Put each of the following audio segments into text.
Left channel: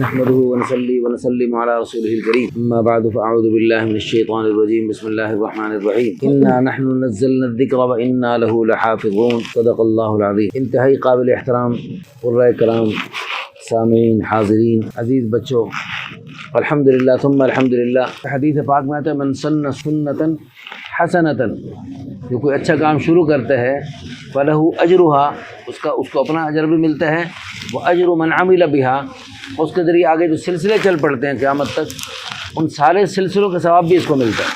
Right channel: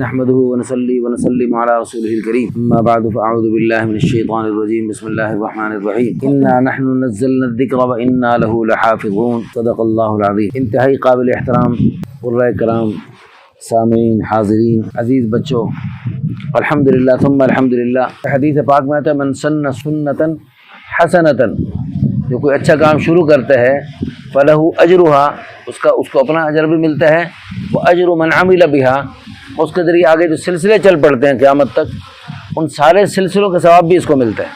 نحمده ونصلي ونسلم على رسوله الكريم اما بعد فاعوذ بالله من الشيطان الرجيم بسم الله الرحمن الرحيم انا نحن نزلنا الذكر وانا له لحافظون صدق الله العظيم۔ انتہائی قابل احترام قرۂ کرام، سامعین، حاضرین، عزیز بچوں، الحمدللہ ثم الحمدللہ، حدیث پاک میں آتا ہے من سن سنتاً حسنتاً، جو کوئی اچھا کام شروع کرتا ہے فلہ اجرہا، اس کو اپنا اجر بھی ملتا ہے، وہ اجر من عمل بہا، اس کے ذریعے آگے جو سلسلے چل پڑتے ہیں قیامت تک، ان سارے سلسلوں کا ثواب بھی اس کو ملتا ہے۔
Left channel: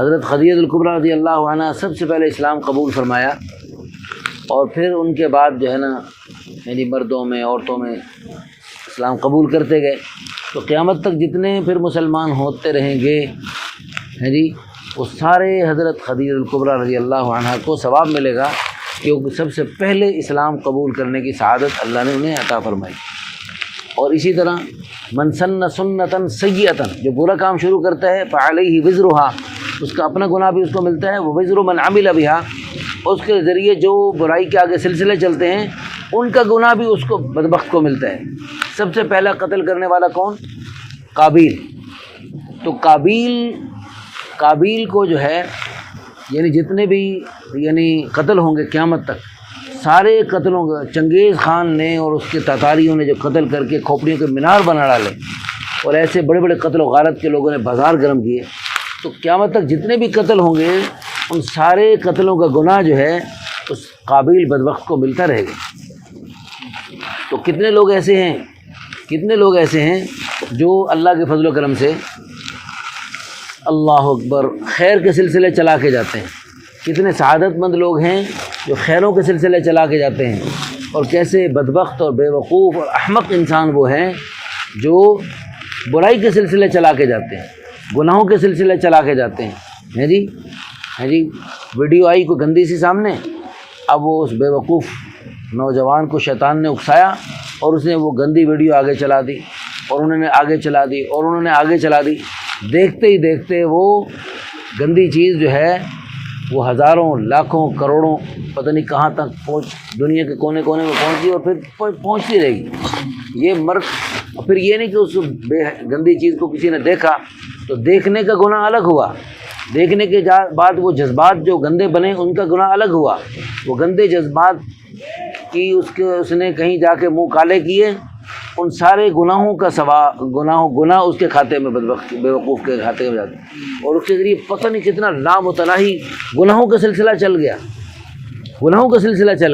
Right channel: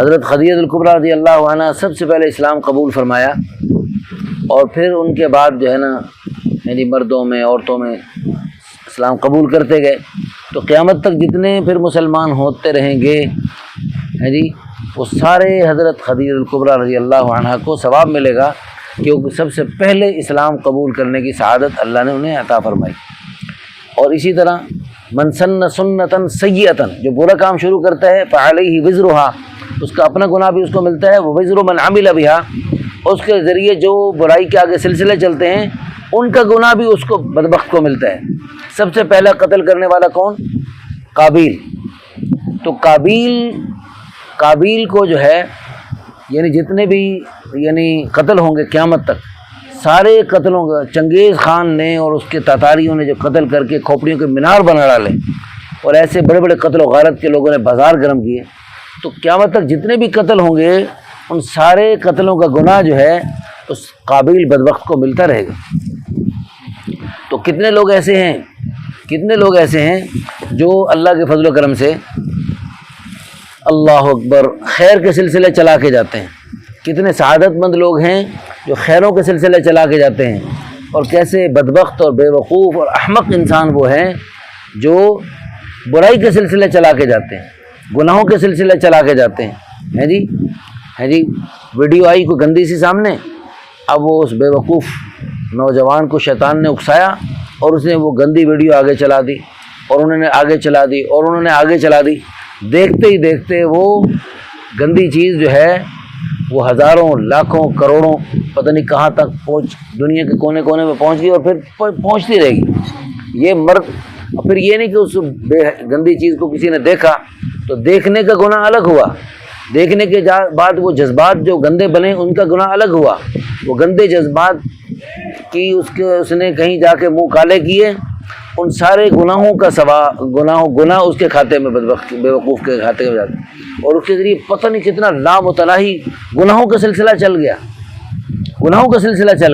حضرت خدیجہ الکبریٰ رضی اللہ عنہ سب سے پہلے اسلام قبول فرمایا، اور پھر ان کے بعد جو ہے نا یعنی مردوں میں عورتوں میں اسلام قبول کرتے گئے، تو قیامت تک جتنے پھر مسلمان ہوتے رہیں گے جی، وہ سارے حضرت خدیجہ الکبریٰ رضی اللہ عنہ کو ثواب ملے گا، کیونکہ سب سے پہلے اسلام قبول کرنے کی سعادت اللہ نے انہیں عطا فرمائی۔ اور اسی طرح من سن سنتاً سیئۃً، جو برا کام شروع کرتا ہے فعلیہ وزرہا، اس کا اپنا گناہ بھی اس کو ملتا ہے، وہ وزر من عمل بہا، اس کے ذریعے جو برائی کے آگے سلسلے چلتے ہیں ان کا گناہ بھی اس کو بدبخت کو ملتا ہے۔ سب سے پہلا قتل کرنے والا کون؟ قابیل۔ تو قابیل کو جو ہے یعنی جتنے بھی یعنی قتل ہوں گے قیامت تک، سارے قتلوں کا چنگیز خان نے اور اس کے تاتاریوں نے جو قتل کر کے کھوپڑیوں کے مینار بنا ڈالے، اور ایسے بڑے بڑے قتل و غارت کے لوگوں نے بازار گرم کیے، تو قیامت تک جتنے بھی قتل ہوں گے ان سارے قتلوں کا گناہ جو ہے اس قابیل بدبخت کو ملتا رہے گا۔ تو کتنے لوگ ایسے ہیں جو اللہ کے فضل و کرم سے اللہ اکبر خیر کے سلسلے چلا کے جاتے ہیں، کتنے سعادت مند لوگ ہیں جو خیروں کے سلسلے چلا کے جاتے ہیں، اور کیسے بدبخت اور بے وقوف اور احمق انسان وہ ہیں جو برائی کے سلسلے چلا کے جاتے ہیں، گناہوں کے سلسلے چلا کے جاتے ہیں۔ جی ویڈیو آئی کوئی گندی سی سامنے، اب وہ اس بے وقوف نوجوان کو شیطان نے اکسایا اور اس نے وہ گندی ویڈیو آگے چلا دی، اور انہوں نے آگے چلا دی، دیکھتے ہی دیکھتے وہ گندی چیز جو ہے وہ ہزاروں لاکھوں کروڑوں پتہ نہیں کہاں تک دنیا کے کونے کونے میں پہنچ گئی، اور پھر پہنچتی رہے گی۔ یہ مرد پھر یہ نہیں کہ اس گندی چیز کو کسی نے دیکھا تو دیکھنے کا گناہ الگ ہوا، دیکھنے کے بعد وہ جذبات جو گندے بنے ان کا گناہ الگ ہوا، وہ گندے جذبات کی اس نے کہیں جا کے منہ کالے کیے، ان سارے گناہوں کا گناہ اس کے کھاتے میں بے وقوف کے کھاتے میں جاتے، اور اس کے ذریعے پتہ نہیں کتنا لامتناہی گناہوں کا سلسلہ چل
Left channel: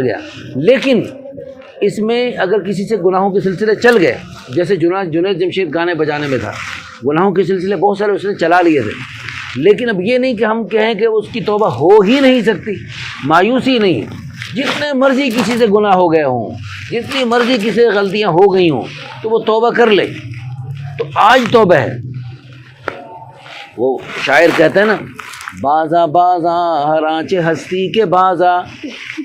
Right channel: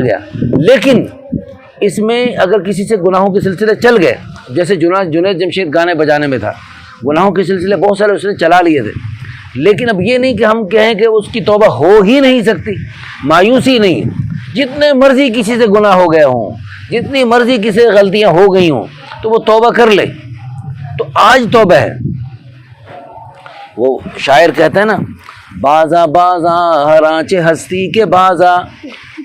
گیا۔ لیکن اس میں اگر کسی سے گناہوں کے سلسلے چل گئے، جیسے جنید جمشید گانے بجانے میں تھا، گناہوں کے سلسلے بہت سارے اس نے چلا لیے تھے، لیکن اب یہ نہیں کہ ہم کہیں کہ اس کی توبہ ہو ہی نہیں سکتی، مایوسی نہیں، جتنے مرضی کسی سے گناہ ہو گئے ہوں، جتنی مرضی کسی سے غلطیاں ہو گئی ہوں تو وہ توبہ کر لے، تو آج توبہ ہے۔ وہ شاعر کہتے ہیں نا، بازا ہر آنچ ہستی کے بازا،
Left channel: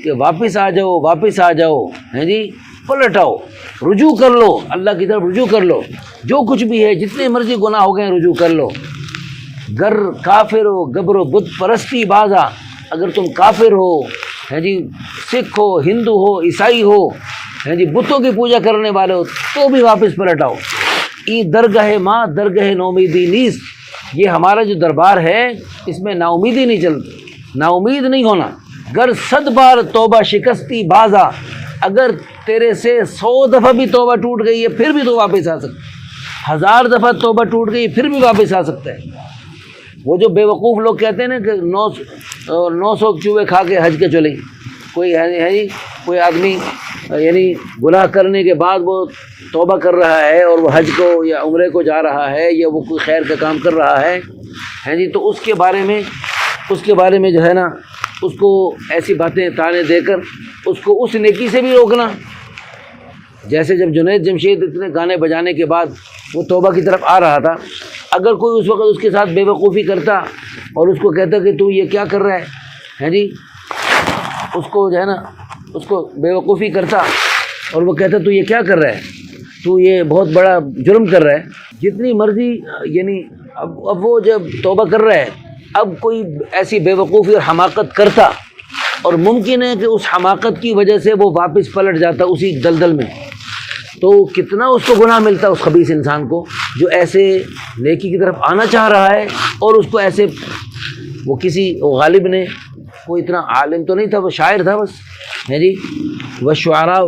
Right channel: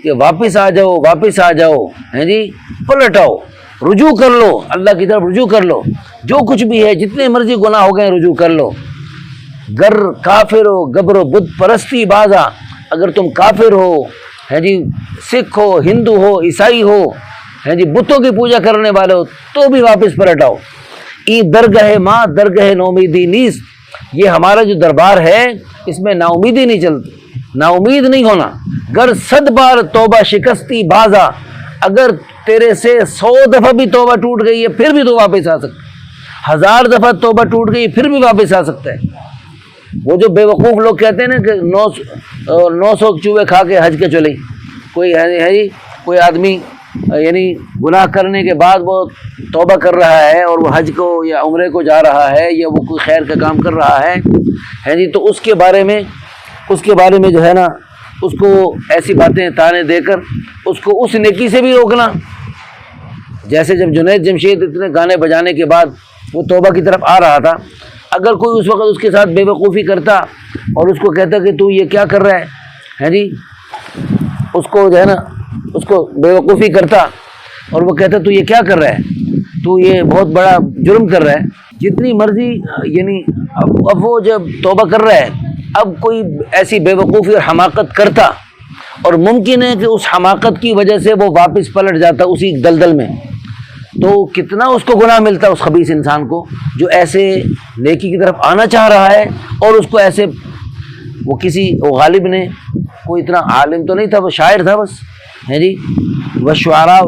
کہ واپس آ جاؤ ہیں جی، پلٹ آؤ، رجوع کر لو، اللہ کی طرف رجوع کر لو، جو کچھ بھی ہے جتنے مرضی گناہ ہو گئے رجوع کر لو۔ گر کافر ہو گبر و بت پرستی بازا، اگر تم کافر ہو ہیں جی، سکھ ہو، ہندو ہو، عیسائی ہو ہیں جی، بتوں کی پوجا کرنے والے ہو، تو بھی واپس پلٹ آؤ۔ ای درگاہ ماں درگاہ نومیدی نیس، یہ ہمارا جو دربار ہے اس میں نا امیدی نہیں چلتی، نا امید نہیں ہونا۔ گر 100 بار توبہ شکستی بازا، اگر تیرے سے 100 دفعہ بھی توبہ ٹوٹ گئی ہے پھر بھی تو واپس آ سکتا ہے، 1000 دفعہ توبہ ٹوٹ گئی پھر بھی واپس آ سکتا ہے۔ وہ جو بے وقوف لوگ کہتے ہیں نا کہ 900 چوہے کھا کے حج کے چلے، کوئی آدمی یعنی گناہ کرنے کے بعد وہ توبہ کر رہا ہے اور وہ حج کو یا عمرے کو جا رہا ہے یا وہ کوئی خیر کا کام کر رہا ہے جی، تو اس کے بارے میں جو ہے نا اس کو ایسی باتیں تانے دے کر اس کو اس نیکی سے بھی روکنا۔ جیسے جب جنید جمشید اتنے گانے بجانے کے بعد وہ توبہ کی طرف آ رہا تھا، اگر کوئی اس وقت اس کے ساتھ بے وقوفی کرتا اور اس کو کہتا کہ تو یہ کیا کر رہا ہے جی، اس کو جو ہے نا اس کو بے وقوفی کرتا اور وہ کہتا تو یہ کیا کر رہا ہے، تو یہ بہت بڑا جرم کر رہا ہے، جتنی مرضی یعنی اب وہ جب توبہ کر رہا ہے، اب کوئی ایسی بے وقوفی اور حماقت کرتا اور ممکن ہے کہ اس حماقت کی وجہ سے وہ واپس پلٹ جاتا اسی دلدل میں، تو کتنا اس کو گناہ ملتا ہے اس خبیث انسان کو جو ایسے نیکی کی طرف آنا چاہ رہا ہے اور اس کو ایسے وہ غالب نے، کوئی اتنا عالم تو نہیں تھا، وہ شاعر تھا بس، ہے جی، والشعراء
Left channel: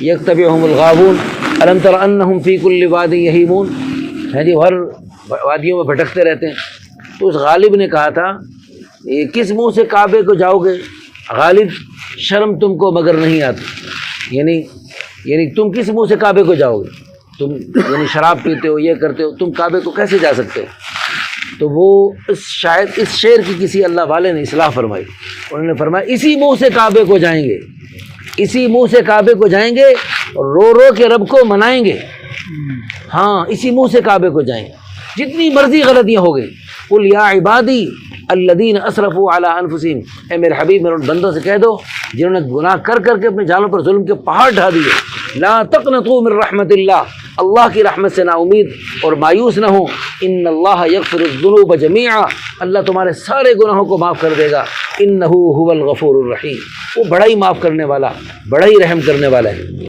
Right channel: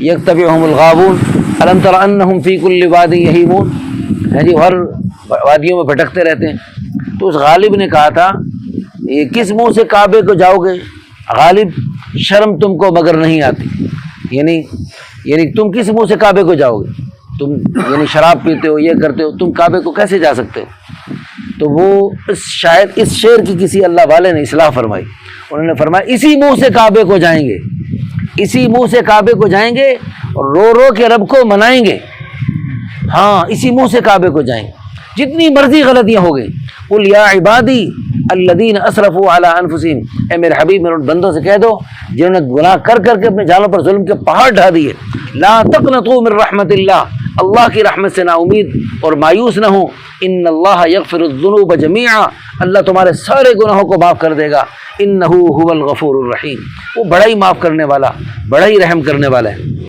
یتبعہم الغاوون الم تر انہم فی کل واد یہیمون، ہے جی، ہر وادیوں میں بھٹکتے رہتے ہیں۔ تو اس غالب نے کہا تھا یہ کس منہ سے کعبے کو جاؤ گے غالب، شرم تم کو مگر نہیں آتی، یعنی تم کس منہ سے کعبے کو جاؤ گے، تم یعنی شراب پیتے ہو، یہ کرتے ہو، تم کعبے کو کیسے جا سکتے؟ تو وہ شاید اس شعر کی کسی اللہ والے نے اصلاح فرمائی، انہوں نے فرمایا اسی منہ سے کعبے کو جائیں گے، اسی منہ سے کعبے کو جائیں گے اور رو رو کے رب کو منائیں گے، ہاں اسی منہ سے کعبے کو جائیں گے، جتنی مرضی غلطیاں ہو گئی۔ قل یا عبادی الذین اسرفوا علی انفسہم، اے میرے حبیب میرے بندوں سے کہہ دو جنہوں نے گناہ کر کر کے اپنے جانوں پر ظلم کے پہاڑ ڈھا دیے، لا تقنطوا من رحمت اللہ، اللہ کی رحمت سے نا امید اور مایوس نہ ہو، ان اللہ یغفر الذنوب جمیعا، اللہ تمہارے سارے گناہوں کو معاف کر دے گا، انہ هو الغفور الرحیم، وہ بڑا ہی معاف کرنے والا، بڑا ہی رحم کرنے والا ہے۔